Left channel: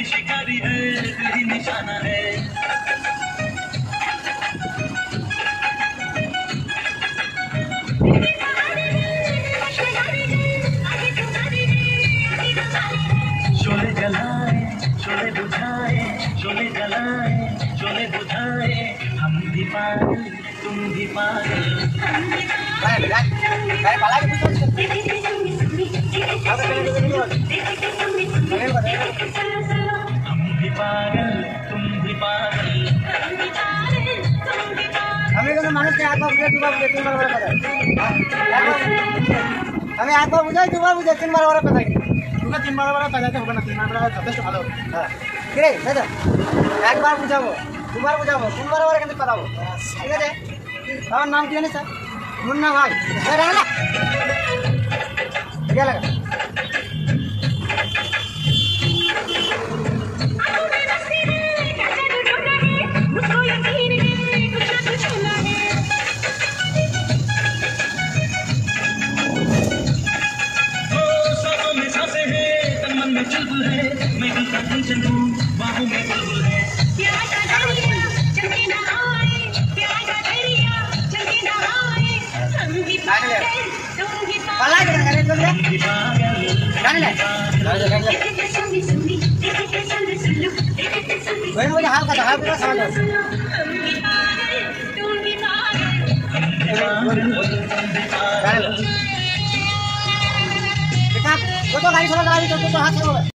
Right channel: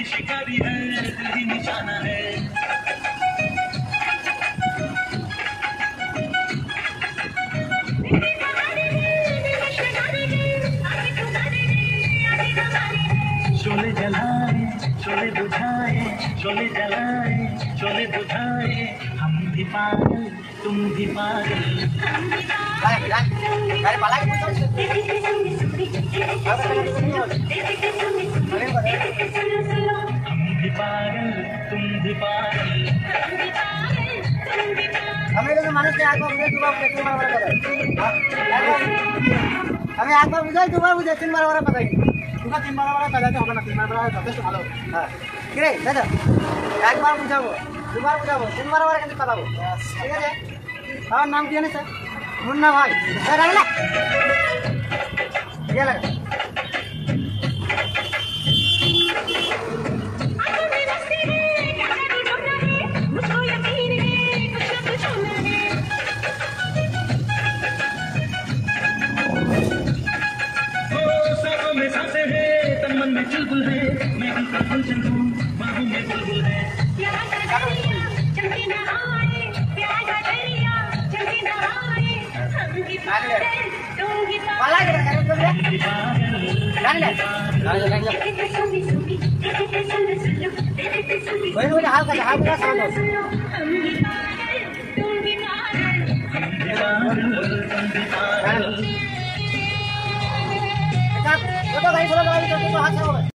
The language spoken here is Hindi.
भी शिकारी है, दिल ही निशाना है। शोले जलाए, शोले बुझाए, शोले जलाए, शोले बुझाए, हम भी पागल, तुम भी पागल। हम भी पागल, तुम भी पागल। हमें लोग मानुष के आंख बुझे दुबार बुझे 3 बार बड़ा हमें आंख बुझे दुबार बुझे 3 बार बड़ा पता তোমরা 3 বার বড় বাজাতে হবে না 3 বার বড় যথেষ্ট ভালো হ্যাঁ কি রে দাদা একবার বুঝাবো দুবার বুঝাবো 3 বার বড় কিন্তু পাঠাবো ঠিক আছে আমার নাম কি জানিস মুন্না ভাই রাখ না ये लगा चुलबुल है, मैं भी काफी चलूं, बाहों में बुलबुल है। प्यार का दरिया चलके न आए, प्यार का दरिया चलके न आए, हम भी पागल, तुम भी पागल, हम भी पागल, वही मुझे हाल का समझो हम भी पागल, तुम भी पागल। वो तो गाड़ी चलो गाड़ी तो हाथ से